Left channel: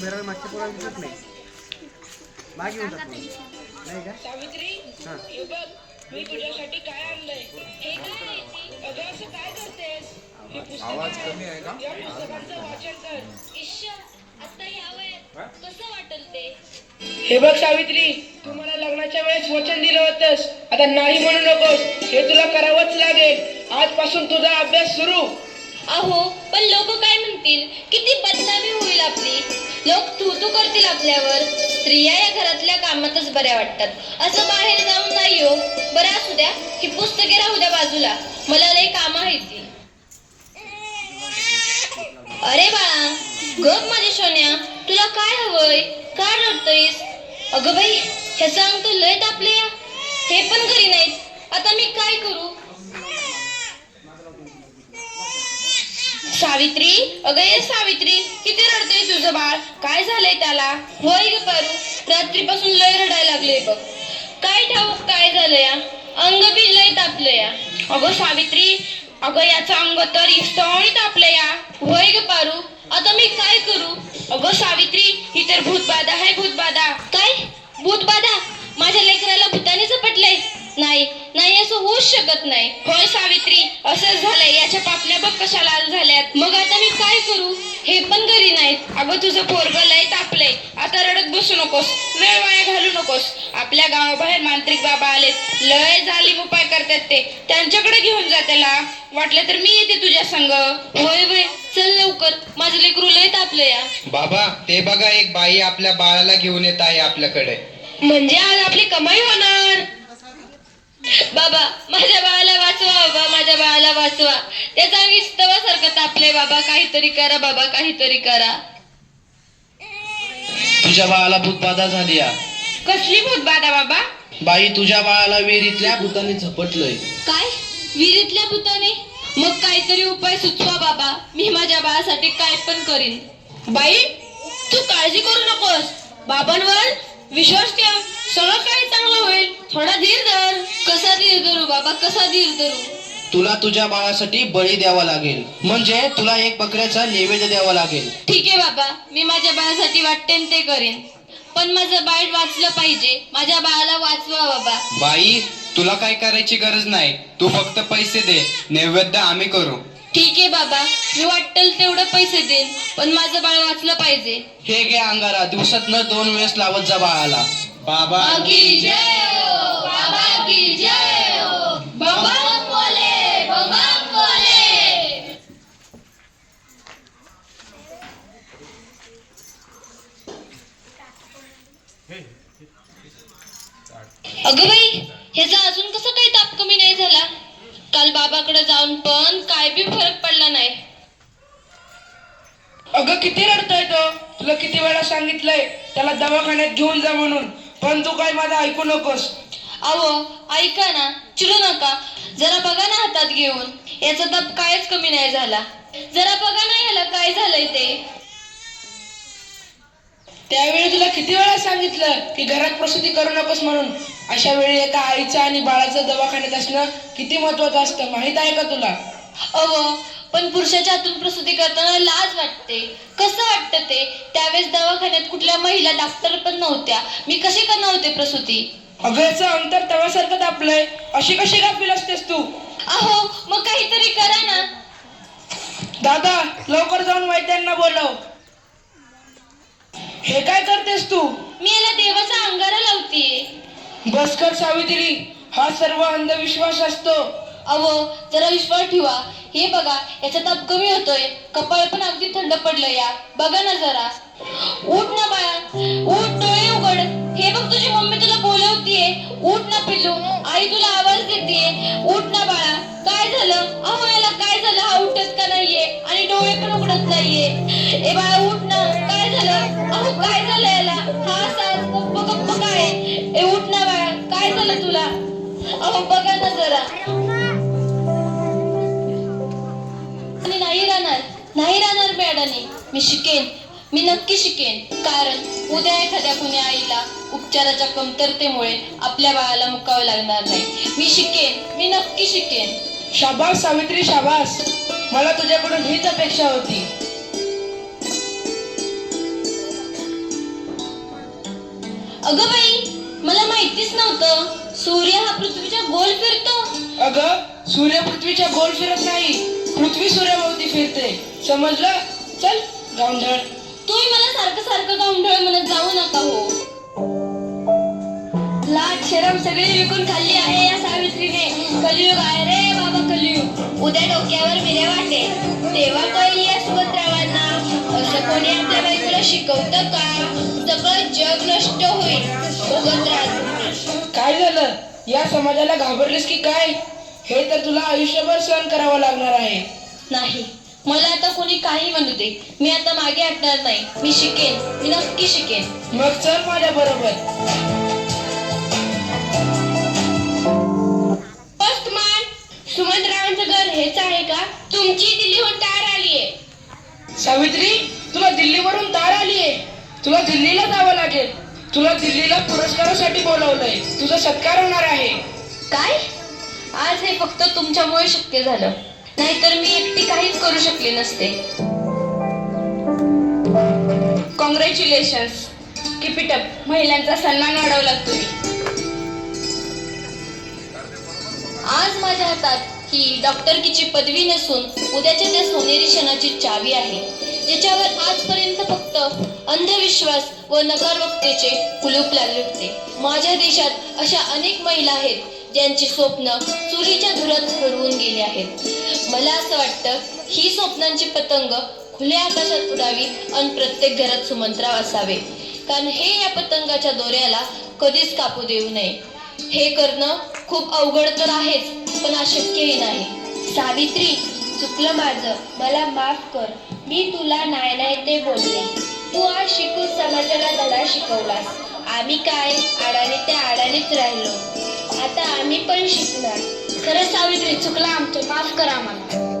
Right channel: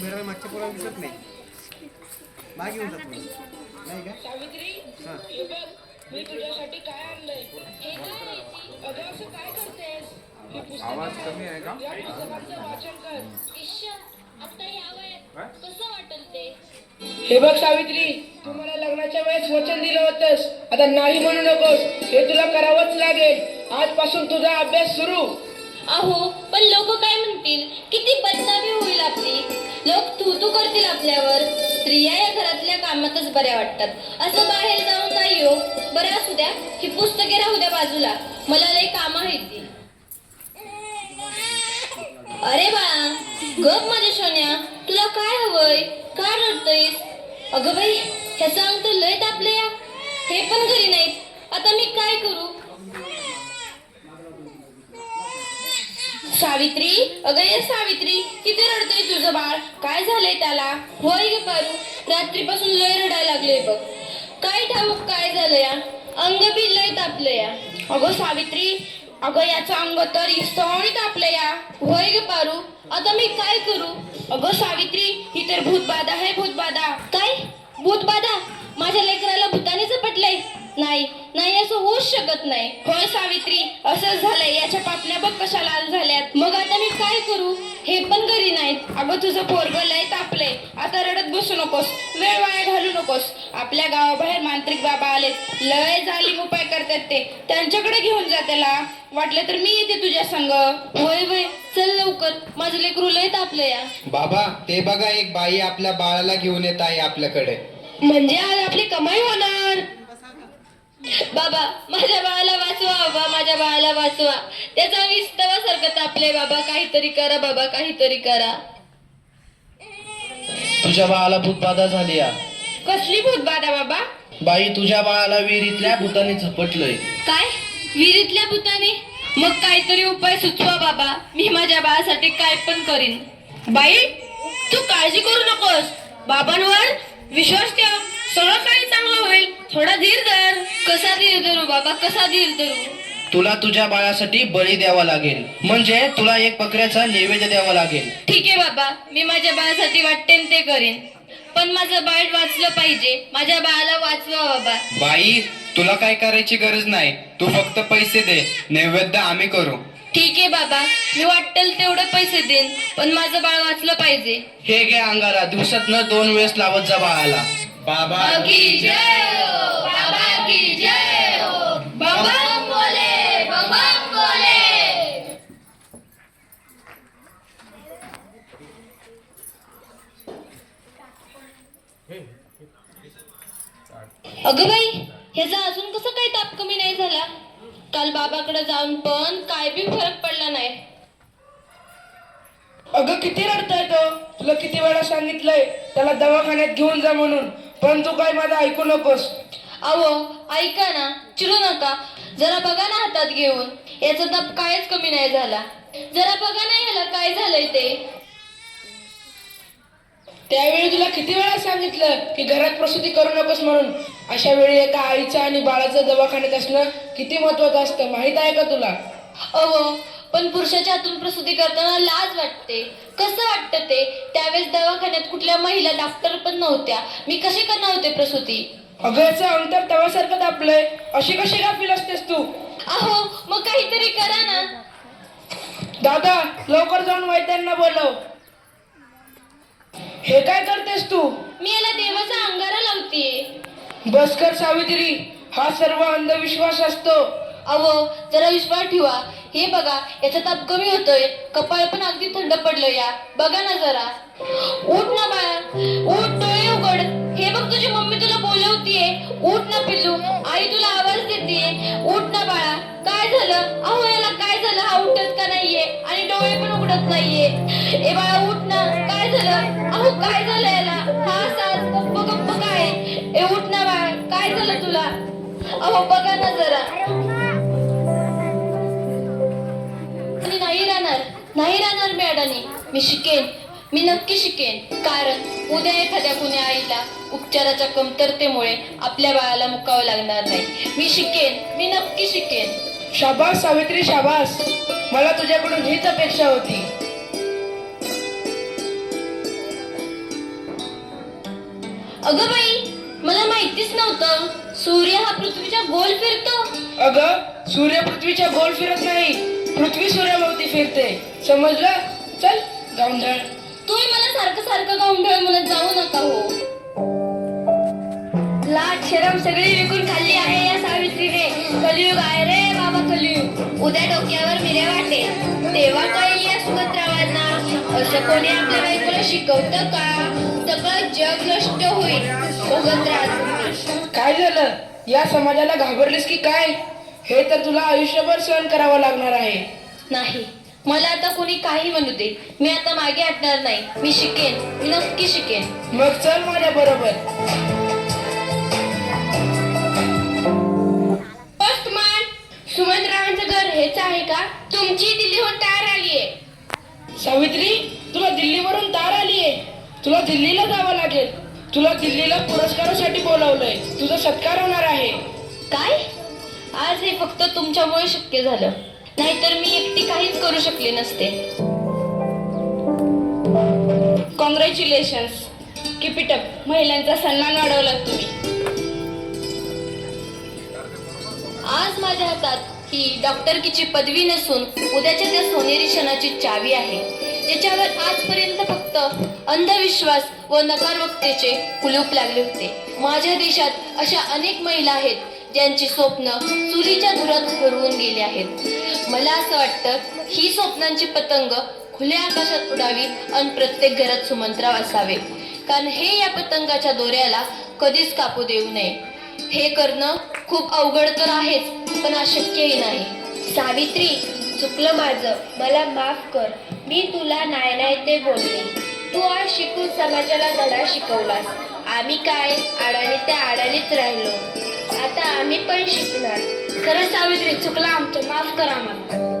घराला मागच्या पोराला दिसत नाही. मागे येऊन जात नाही. नाही का सावित्री, हे बघ मी तुझ्यासाठी काय आणलंय. हे काय आहे ती? अगं असं काय करतेस? हे पुस्तक आहे का? या पुस्तकांचं वाचन कर. इश्श, आता ह्या वयात कसं वाटेल ते? हे बघ सावित्री, तू मला लग्नाच्या वेळेस वचन दिलं होतंस. आता नाही म्हणू नकोस. हे तुला करावंच लागेल. आजपासून तुझा अभ्यास सुरू. अहो, पण लोक काय म्हणतील? किती बदनामी होईल आपली. लोक थू करतील आपल्यावर. स्त्रिया या घरातल्या कामातच बऱ्या वाटतात. असं बाहेर जाऊन नाही हो. बरं असू द्या, ही पुस्तके राहू द्या बाजूला. मला लय काम आहेत ती. अरे बाळा, गप माझ्या सोन्या, तुला काय हवंय? काय रडतोयस? अगं बाई, हे सांग तर लय तापले या. हे पण घरी नाहीत. आता मी काय करू? सावित्री, अगं ये सावित्री, किती रडतोय तुझं बाळ? काय झालंय त्याला? होय ग पारू, रात्रीपासून लय रडायला लागले बघ. काय ठाऊक काय झालं या? अंग बी लय तापलं या. अगं सावित्री, अगं याचं अंग तर इसवणी तापलं या. होय ग पारू, आता मी काय करू? अगं सावित्री, ही तर भूतबाधा आहे, भूतबाधा. काय भूतबाधा? माझ्या लेकराला भूताने झपटलंय? नाही नाही, असं होऊच शकत नाही. होय सावित्री, असंच झालंय. याच्या पापण्या बघ कशा लाल झाल्यात. मग आता मी काय करू? हे पण घरी नाहीत. अगं तुझं पोरगं लय तापलंय. आता रडत बसू नकोस, वेळ वाया घालू नकोस. आपल्या गावाबाहेर मांत्रिक बाबा आलेत. लय जालीम उपाय करतात ते. त्यांच्याकडे घेऊन जा त्याला. वाटलं तर मी येते तुझ्या संग. होय होय, चल लवकर, माझं लेकरू लय तापलं या. बाबा, ते बघा, एक बाई आपल्या बाळाला घेऊन येत आहे आपल्याकडे. म्हणजे आज आपली कमाई होणार. बाबा, माझ्या बाळाला वाचवा. बाबा, माझ्या बाळाला वाचवा. त्याचा अंगी स्तवासारखं तापलंय. बाबा, काहीतरी करा. बाबा, काहीतरी करा. तुझ्या बाळाला भूतबाधा झाली या. कसली भूतबाधा बाबा? बाई, तुझ्या बाळाला विहिरीतल्या भूताने झपटलंय. काय? विहिरीतल्या भूताने? मग काहीतरी उपाय सुचवा बाबा. मी माझ्या बाळासाठी काय पण करीन. बाई, तू काळजी करू नकोस. बाबांवर विश्वास ठेव. सगळं काही चांगलं होईल. थोडा धीर धर. कसा धीर धरू बाबा, कसा धीर धरू? तुला तुझ्या बाळासाठी बळी द्यावा लागेल. म्हणजे तुला एक बकऱ्याचा नैवेद्य द्यावा लागेल. ठीक आहे बाबा, मी माझ्या बाळासाठी वाटतेन ते करेन. पण माझं बाळ वाचलं पाहिजे. माझ्या बाळाला वाचवा बाबा. बाई, तुला काय करायची गरज नाही. तू फक्त पैसे दे, नैवेद्य आम्ही करू. ठीक आहे बाबा, मी वाटेल तेवढं पैसे देईन, पण माझं बाळ वाचलं पाहिजे. हे घे अंगारा, दिवसातनं 2 वेळेस लावत जा बाळाला. बाबा की जय हो, बाबा की जय हो. बम बोले, बम बोले. अगं बाई, ह्याचा अजून कसं काही ताप कमी नाही झाला? काल बाबाकडे जाऊन पण काय बी फरक पडला नाही. अगं किती रडतोय तो. तुला किती वेळा सांगितलंय त्याला दवाखान्यात घेऊन जा म्हणून, पण तू काय माझं ऐकू नकोस. अहो ऐका ना, चिडू नका. जरा बघा ना हातात घेऊन. याचा ताप कायच कमी नाही झाला. जरा बघा ना याला काय झालंय ते. त्यावेळी तुला किती वेळा सांगितलं की घरात प्रसूती करू नकोस म्हणून. अशा वेळी एका आईचं आणि बाळाचं दवाखान्यात असणं किती महत्वाचं असतं, माहित आहे का तुला? अहो, पण पुरुषाच्या हातून प्रसूती करताना लाज वाटते. कसं वाटतं ते? त्यावेळेस दवाखान्यात कुठल्या महिला डॉक्टर पण नव्हत्या. मी कशी करणार होते प्रसूती? अगं याचं अंतर तव्यासारखं तापलंय. अशी कशी गाफील असतेस तू? अहो, मग काहीतरी करा ना. दादा, लवकर जाऊन वैद्यांना बोलव. हे काय करतेस तू? मी याला देवाचा अंगारा लावतीये. बस कर सावित्री, हा सर्व अंधविश्वास असतो. अहो, जरा विश्वास ठेवा. हे बघा, याचा ताप कमी होतोय. कपाळ पण अगदी थंड पडलं या. बघा ना जरा. उठ ना बाळा, उठ, डोळे उघड. हे बघ, तुझी मम्मी तुला बोलवतीये. उठ ना पिल्लू, आई तुला आवाज देतीये. उठ ना बाळा. काय झालं? अहो, याला काय झालं? हा उठत का नाहीये आणि डोळे पण उघडत नाहीये. ए बाळा, उठ ना. काय झालं? अहो, काय झालं याला? हा सास गप्प गप्प काय? ए उठ ना बाळा, काय झालं तुला? अहो बघा ना जरा. आणि नाही राहणार मॅडमनी. मी शिकेन, मी नक्की शिकेन. कारण उद्या एखाद्या कुण्या आईला उपचाराच्या कमतरतेमुळे आपल्या बाळाला मुकावं लागणार नाही. मी शिकेन, मी नक्की शिकेन. शाबास सावित्री, शाबास. मला तुझ्याकडून हीच अपेक्षा होती. अगं बाई, मला माहितीच नव्हतं सूर्य हा पृथ्वीच्या गोल फिरतो. अगं सूर्य पृथ्वीच्या गोल फिरत नाही, पृथ्वी सूर्याभोवती फिरते. समजलं? चल गावंढळ. तुम्ही मला सारखं सारखं गावंढळ म्हणत जाऊ नका हो. लाज शरम सगळी विकून खाल्ली आहे या सावित्रीने. कलियुग आहे रे बाबा, कलियुग. उद्या डोक्यावर मिरे वाटेल तेव्हा कळेल या सुभद्रावांना. असं कोणी आपल्या बायकोला शिकवतं का? सगळं जग नष्ट होईल. सुभद्रा, काय झालं? या समाजाला घाबरलीस की काय? हे तर तुला आयुष्यभर सहन करावं लागणार आहे. नाही, मला आता कोणी काही म्हणू दे, मी आता मागे हटणार नाही. मी शिकेन, मी नक्की शिकेन. मग चल माझ्या बरोबर. पोस्टमॅन, सुमंतरावांचं घर हेच आहे का? तुमची दिल्लीहून तार आलीये. सावित्री, तुला दिल्लीवरून तार आलीये. तुला दिल्लीला जावं लागेल. तुला दिल्लीला पुरस्कारासाठी बोलवलंय. तुझा सत्कार होणार आहे. काय? आज हे फक्त तुमच्यामुळे शक्य झालं, नाहीतर मी एकटी काहीच करू शकले नसते. Congratulations, keep it up. महिलांचा सन्मान वाढवला तुम्ही. आज माझ्या हातात ही डॉक्टरकीची पदवी नसून उद्याच्या त्या सोनेरी क्षणाची चावी आहे, ज्याच्यावर आजपर्यंत फक्त अंधविश्वास व नकारवक्तेचे कुलूप लागले होते. माझ्या देशात अशा अनेक महिला आहेत ज्यांची स्वप्न चुलीच्या धुरात हरवून गेली आहेत. मला असं वाटतं ही स्वप्नांची पतंग खुल्या आकाशात उडावी आणि प्रत्येक घरात सुमंतराव असावे, कारण हे या पतंगाच्या दोऱ्याला कधीच कापू देऊ नये. हे करणं खूप अवघड तर आहेच, पण अशक्यही नाही. सावित्री, चुकलं माझं, मला माफ कर. मी तुला नाही ते बोलले. तू आज शिकून समाजाला धडा शिकवलास. आम्ही काय आडाने त्या आडानेच राहिलो. आता आम्ही पण शिकणार. खरंच सावित्री, चुकलं आमचं, माफ करा आम्हाला.